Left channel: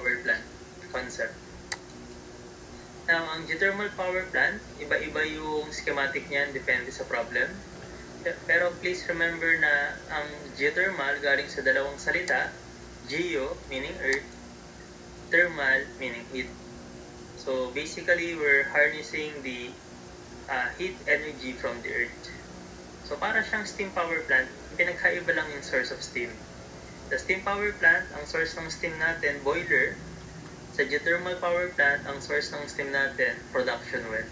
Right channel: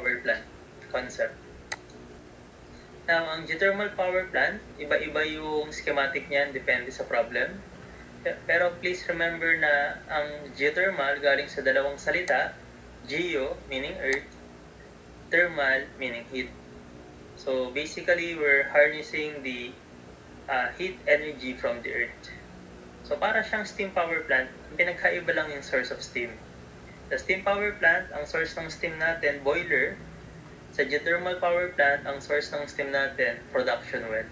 power plant concept. Now, ang geothermal power plant, iba-iba yung schematic niyan, depende sa problem. Pero please remember na ang geothermal galing sa dalawang salita, geo meaning earth, thermal meaning heat. So basically, we're harnessing the heat energy from the earth. So para siyang steam power plant, pinagkaiba lang yung source of steam. Sa steam power plant, ang source ng steam natin, boiler. Sa geothermal power plant, ang source ng steam natin, production well.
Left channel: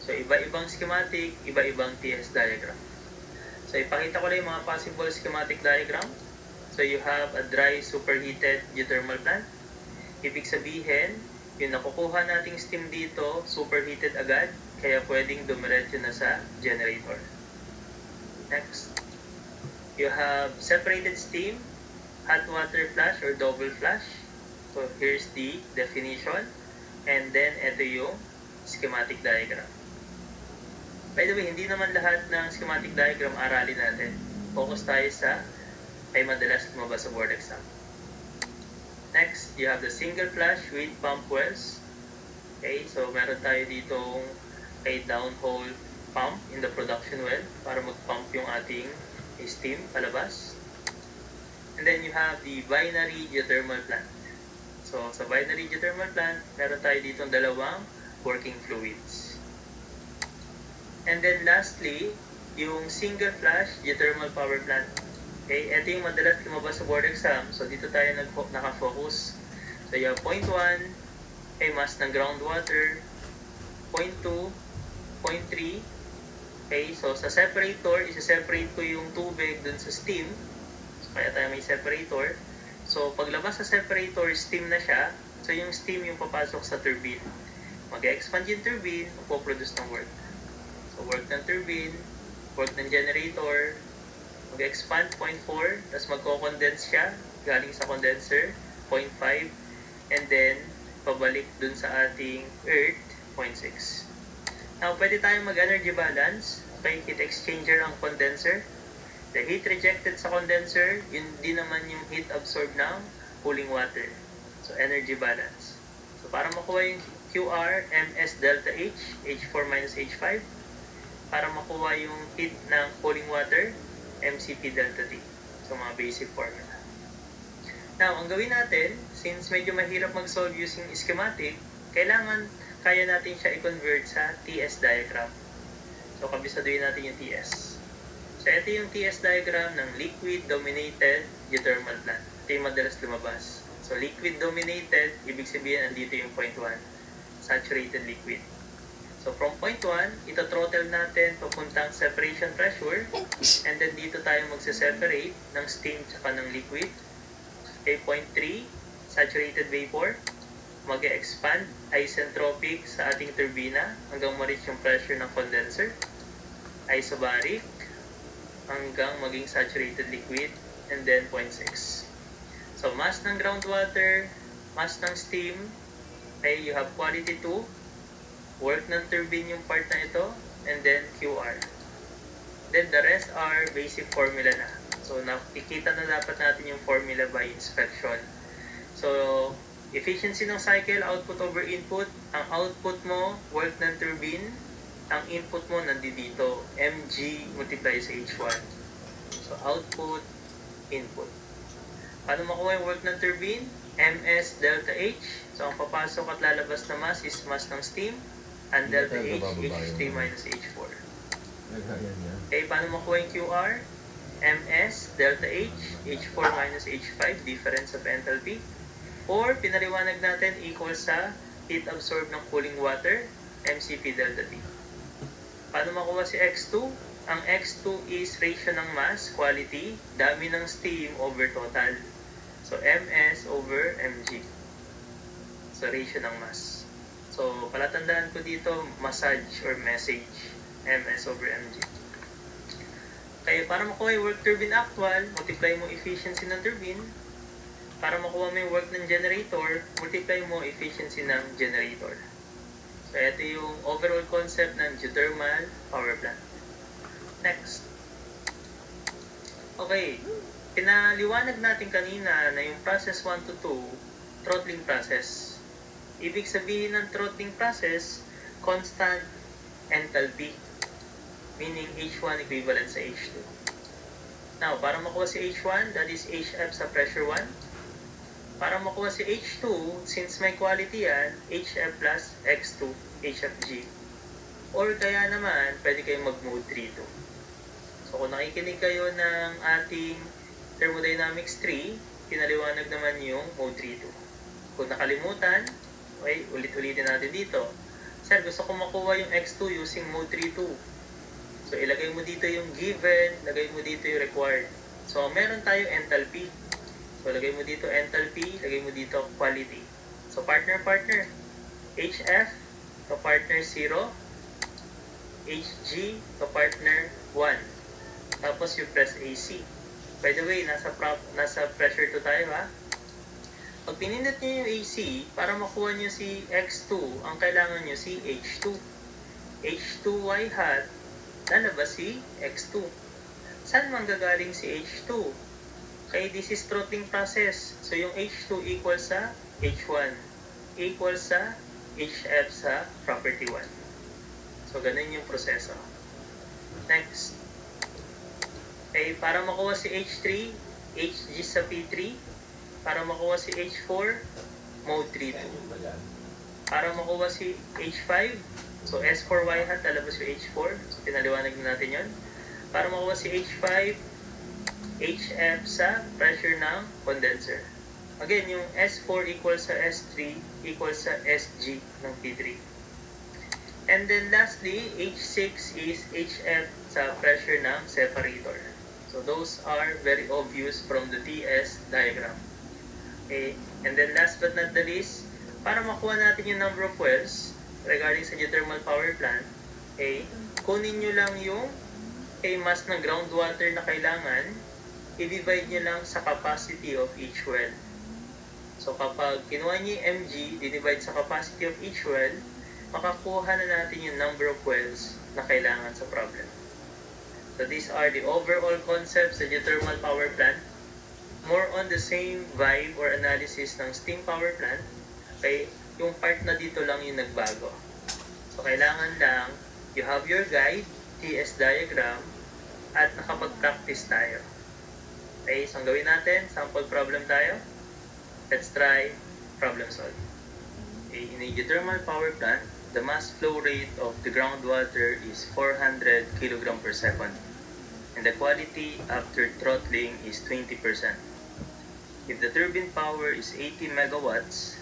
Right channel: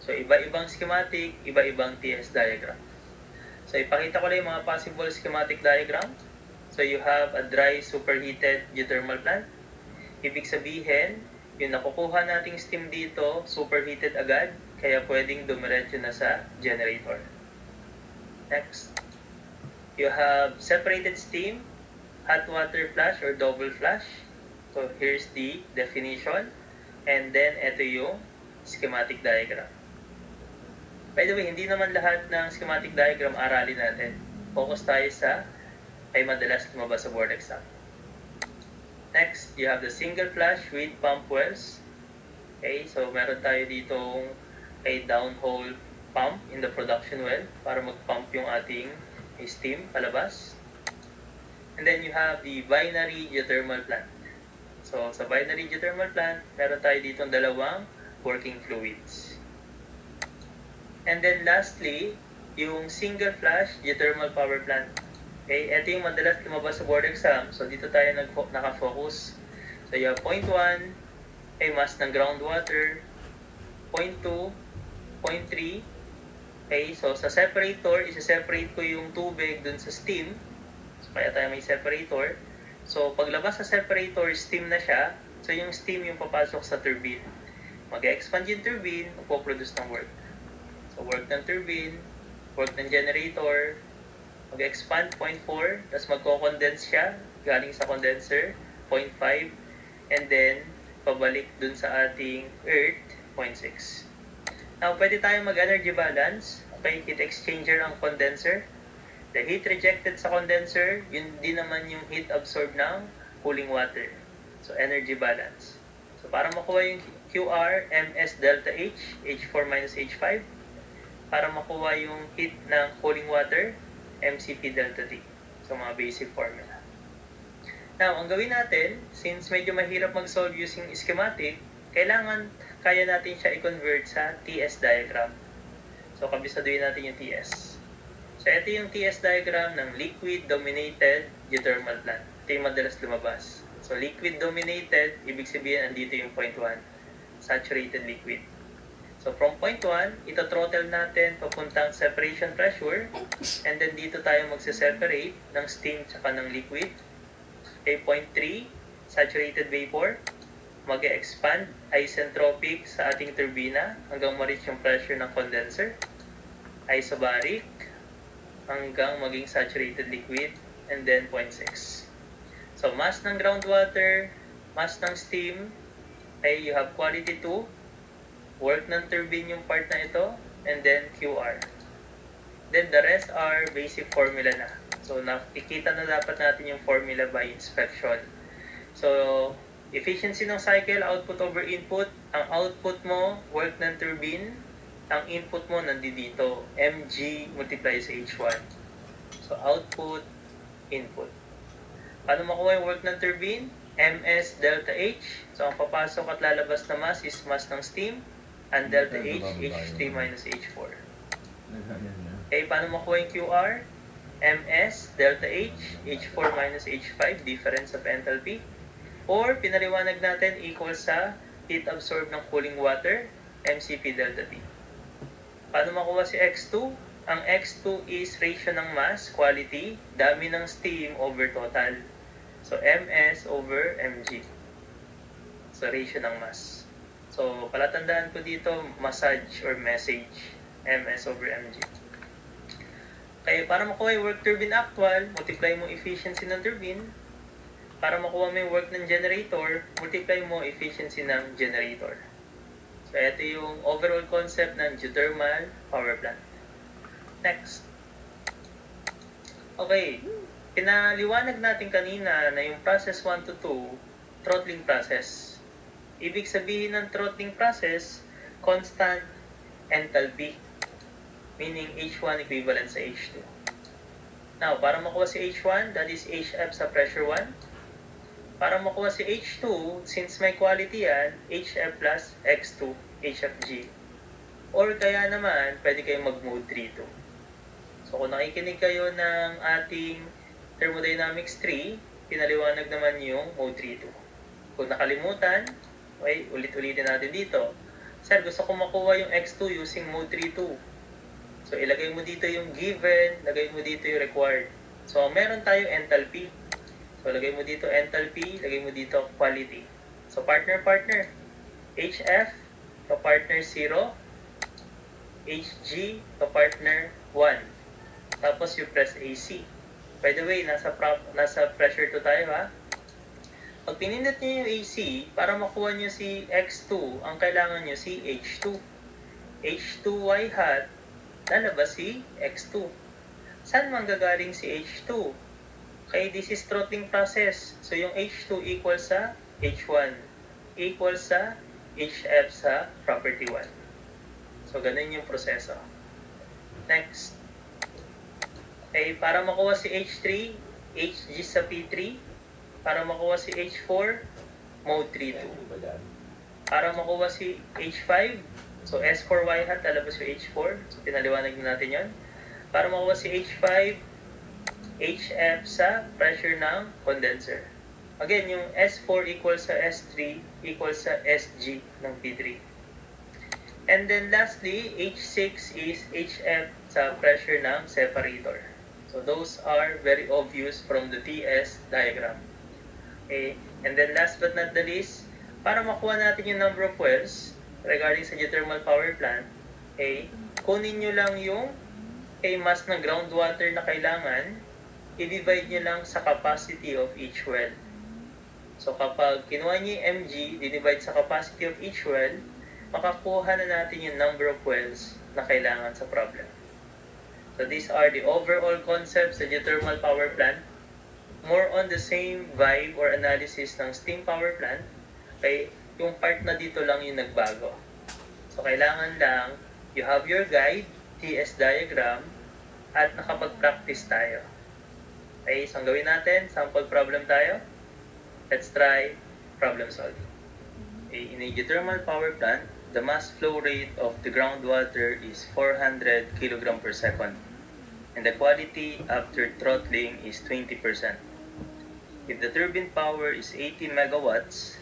So iba-ibang schematic, iba-ibang TS diagram. So ipakita ko lang yung mga possible schematic diagram. So you have a dry superheated geothermal plant. Ibig sabihin, yung nakukuha nating steam dito, superheated agad, kaya pwedeng dumiretso na sa generator. Next, you have separated steam, hot water flash or double flash. So here's the definition, and then ito yung schematic diagram. By the way, hindi naman lahat ng schematic diagram aralin natin. Focus tayo sa ay madalas lumabas sa board exam. Next, you have the single flash with pump wells. Okay, so meron tayo ditong a downhole pump in the production well para mag-pump yung ating steam palabas. And then you have the binary geothermal plant. So sa binary geothermal plant, meron tayo ditong dalawang working fluids. And then lastly, yung single flash geothermal power plant. Okay, ito yung madalas lumabas sa board exam. So dito tayo naka-focus. So you have point 1, okay, mass ng groundwater. Point 2, point 3. Okay, so sa separator, isa-separate ko yung tubig dun sa steam. So kaya tayo may separator. So paglabas sa separator, steam na siya. So yung steam yung papasok sa turbine. Mag-expand yung turbine, magpo-produce ng work. So work ng turbine, work ng generator, mag-expand 0.4, tapos magko-condense siya galing sa condenser 0.5, and then pabalik dun sa ating earth 0.6. Now pwede tayong mag-energy balance. Okay, heat exchanger ang condenser. The heat rejected sa condenser, yun din naman yung heat absorbed ng cooling water. So energy balance. So para makuha yung QR, MS delta H, H4 minus H5. Para makuha yung heat ng cooling water, MCP delta T. So, mga basic formula. Now, ang gawin natin, since medyo mahirap mag-solve using schematic, kailangan kaya natin siya i-convert sa TS diagram. So, kabisaduhin natin yung TS. So, ito yung TS diagram ng liquid-dominated geothermal plant. Ito yung madalas lumabas. So, liquid-dominated, ibig sabihin, andito yung point 1. Saturated liquid. So, from point 1, ito throttle natin papuntang separation pressure. And then, dito tayo magse-separate ng steam tsaka ng liquid. Okay, point 3, saturated vapor. Mag-expand isentropic sa ating turbina hanggang ma-reach yung pressure ng condenser. Isobaric hanggang maging saturated liquid. And then, point 6. So, mass ng groundwater, mass ng steam. Okay, you have quality 2. Work ng turbine yung part na ito, and then QR. Then the rest are basic formula na. So nakikita na dapat natin yung formula by inspection. So efficiency ng cycle, output over input. Ang output mo, work ng turbine. Ang input mo nandito, mg multiply sa h1. So output, input. Paano makuha yung work ng turbine? ms delta h. So ang papasok at lalabas na mass is mass ng steam. And delta H, H3 minus H4. Okay, paano makuha yung QR? MS, delta H, H4 minus H5, difference of enthalpy. Or, pinaliwanag natin, equal sa heat absorbed ng cooling water, MCP delta T. Paano makuha si X2? Ang X2 is ratio ng mass, quality, dami ng steam over total. So, MS over mg. So, ratio ng mass. So, palatandaan ko dito, massage or message, MS over mg. Kaya para makuha yung work turbine actual, multiply mo efficiency ng turbine. Para makuha mo yung work ng generator, multiply mo efficiency ng generator. So, ito yung overall concept ng geothermal power plant. Next. Okay. Pinaliwanag natin kanina na yung process 1 to 2, throttling process. Ibig sabihin ng throttling process, constant enthalpy. Meaning H1 equivalent sa H2. Now, para makuha si H1, that is HF sa pressure 1. Para makuha si H2, since may quality yan, HF plus X2, HFG. Or kaya naman, pwede kayong mag-mode 3-2. So kung nakikinig kayo ng ating Thermodynamics 3, pinaliwanag naman yung mode 3-2. Kung nakalimutan, okay, ulit-ulitin natin dito. Sir, gusto ko makuha yung X2 using mode 3-2. So ilagay mo dito yung given, lagay mo dito yung required. So meron tayong enthalpy. So lagay mo dito enthalpy, lagay mo dito quality. So partner-partner. HF to partner 0, HG to partner 1. Tapos you press AC. By the way, nasa pressure 2 tayo ha. Pag pinindot nyo yung AC, para makuha nyo si X2, ang kailangan nyo si H2. H2Y hat, lalabas si X2. Saan manggagaling si H2? Okay, this is throttling process. So yung H2 equals sa H1 equals sa HF sa property 1. So ganun yung proseso. Next. Okay, para makuha si H3, HG sa P3. Para makuha si H4, mode 3-2. Para makuha si H5, so S4Y hat, lalabas yung H4. So pinaliwanag na natin yon. Para makuha si H5, HF sa pressure ng condenser. Again, yung S4 equals sa S3 equals sa SG ng P3. And then lastly, H6 is HF sa pressure ng separator. So those are very obvious from the TS diagram. Okay. And then last but not the least, para makuha natin yung number of wells regarding sa geothermal power plant, okay, kunin nyo lang yung mass ng groundwater na kailangan, i-divide nyo lang sa capacity of each well. So kapag kinuha nyo yung mg, divide sa capacity of each well, makakuha na natin yung number of wells na kailangan sa problem. So these are the overall concepts sa geothermal power plant. More on the same vibe or analysis ng steam power plant. Okay, yung part na dito lang yung nagbago. So kailangan lang you have your guide, TS diagram, at nakapag-practice tayo. Okay, so ang gawin natin, sample problem tayo. Let's try problem solve. Okay, in a geothermal power plant, the mass flow rate of the groundwater is 400 kg per second, and the quality after throttling is 20%. If the turbine power is 80 megawatts,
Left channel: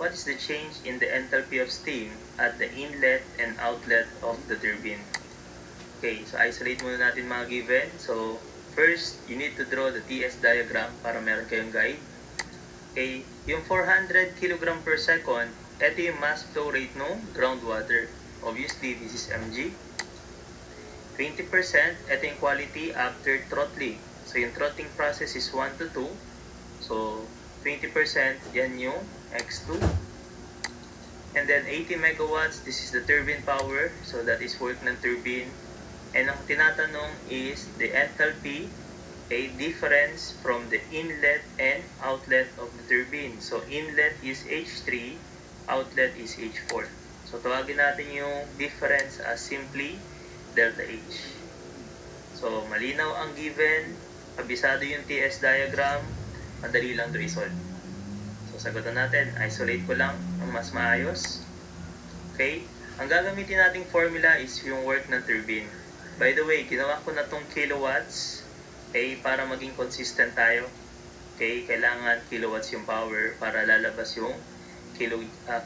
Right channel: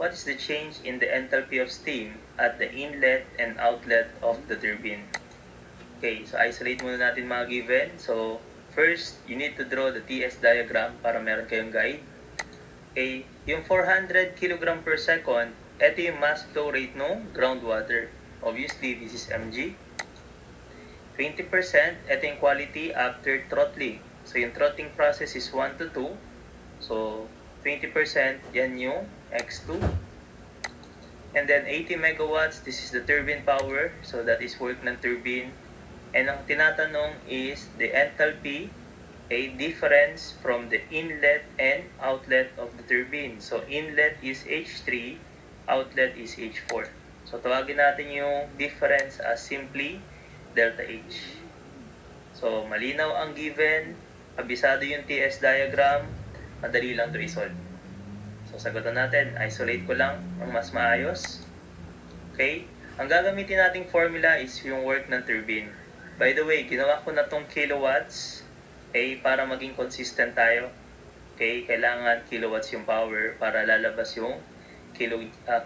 what is the change in the enthalpy of steam at the inlet and outlet of the turbine? Okay, so isolate muna natin mga given. So, first, you need to draw the TS diagram para meron kayong guide. Okay, yung 400 kg per second, ito yung mass flow rate ng groundwater. Obviously, this is mg. 20%, ito yung quality after throttling. So, yung throttling process is 1 to 2. So, 20%, yan yung X2. And then, 80 megawatts, this is the turbine power. So, that is work ng turbine. And ang tinatanong is the enthalpy, a difference from the inlet and outlet of the turbine. So, inlet is H3, outlet is H4. So, tawagin natin yung difference as simply delta H. So, malinaw ang given, abisado yung TS diagram, madali lang to resolve. So, sagutan natin, isolate ko lang ang mas maayos. Okay? Ang gagamitin nating formula is yung work ng turbine. By the way, ginawa ko na tong kilowatts, okay, para maging consistent tayo. Okay, kailangan kilowatts yung power para lalabas yung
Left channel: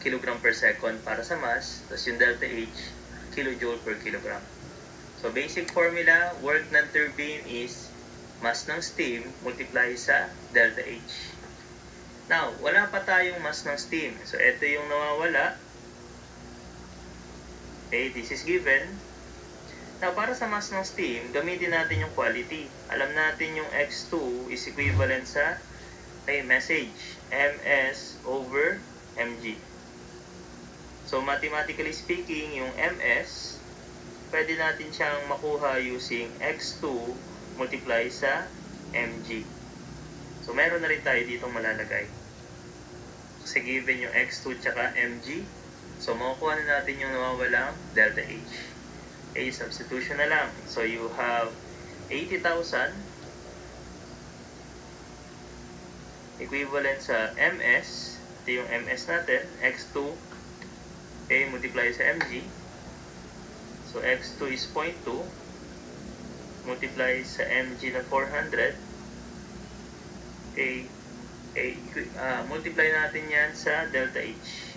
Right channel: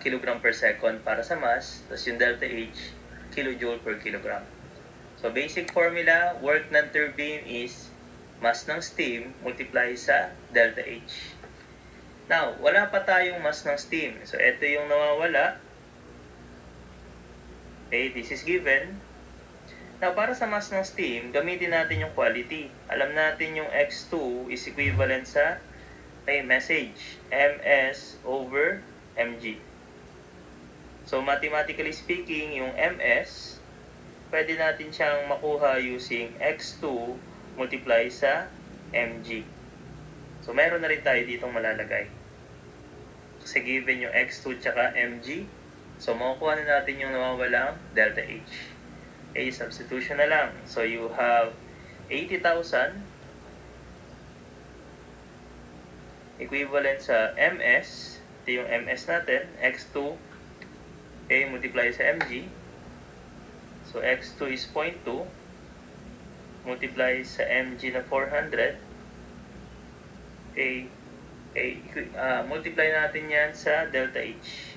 kilogram per second para sa mass, tapos yung delta H, kilojoule per kilogram. So, basic formula, work ng turbine is mass ng steam multiply sa delta H. Now, wala pa tayong mass ng steam. So, ito yung nawawala. Okay, this is given. Now, para sa mass ng steam, gamitin natin yung quality. Alam natin yung X2 is equivalent sa message, MS over mg. So, mathematically speaking, yung MS, pwede natin siyang makuha using X2 multiply sa mg. So, meron na rin tayo ditong malalagay. Kasi given yung X2 tsaka mg. So, makukuha na natin yung nawawalang delta H. Okay, substitution na lang. So, you have 80,000 equivalent sa ms. Ito yung ms natin, X2. Okay, multiply sa mg. So, X2 is 0.2. Multiply sa mg na 400. Okay, multiply natin yan sa delta H.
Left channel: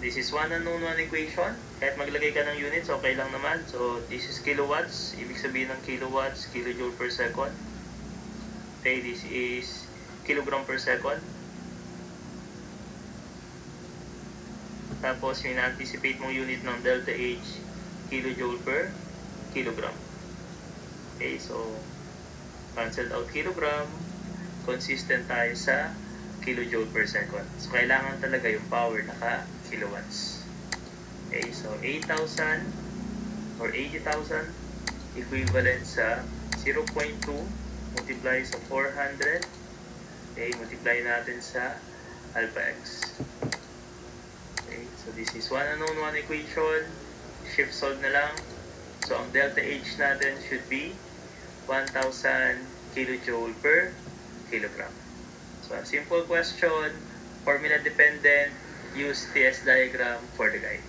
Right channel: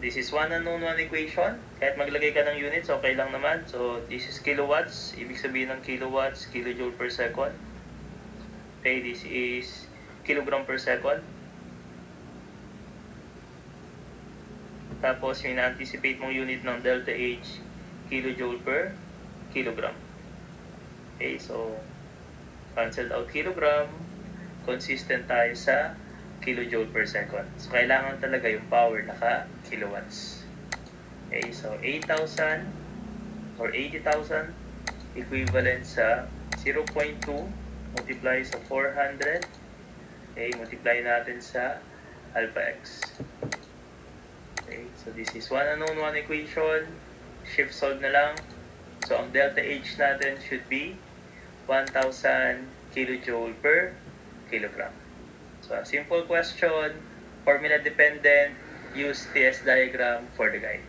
This is one unknown, one equation. Kahit maglagay ka ng units, okay lang naman. So, this is kilowatts. Ibig sabihin ng kilowatts, kilojoule per second. Okay, this is kilogram per second. Tapos, yung na-anticipate mong unit ng delta H, kilojoule per kilogram. Okay, so, cancel out kilogram. Consistent tayo sa kilojoule per second. So, kailangan talaga yung power naka-kilowatts. Okay, so 8,000 or 80,000 equivalent sa 0.2 multiply sa 400. Okay, multiply natin sa alpha x. Okay, so this is one unknown, one equation. Shift solve na lang. So, ang delta H natin should be 1,000 kilojoule per kilogram. So, a simple question, formula dependent, use TS diagram for the guide.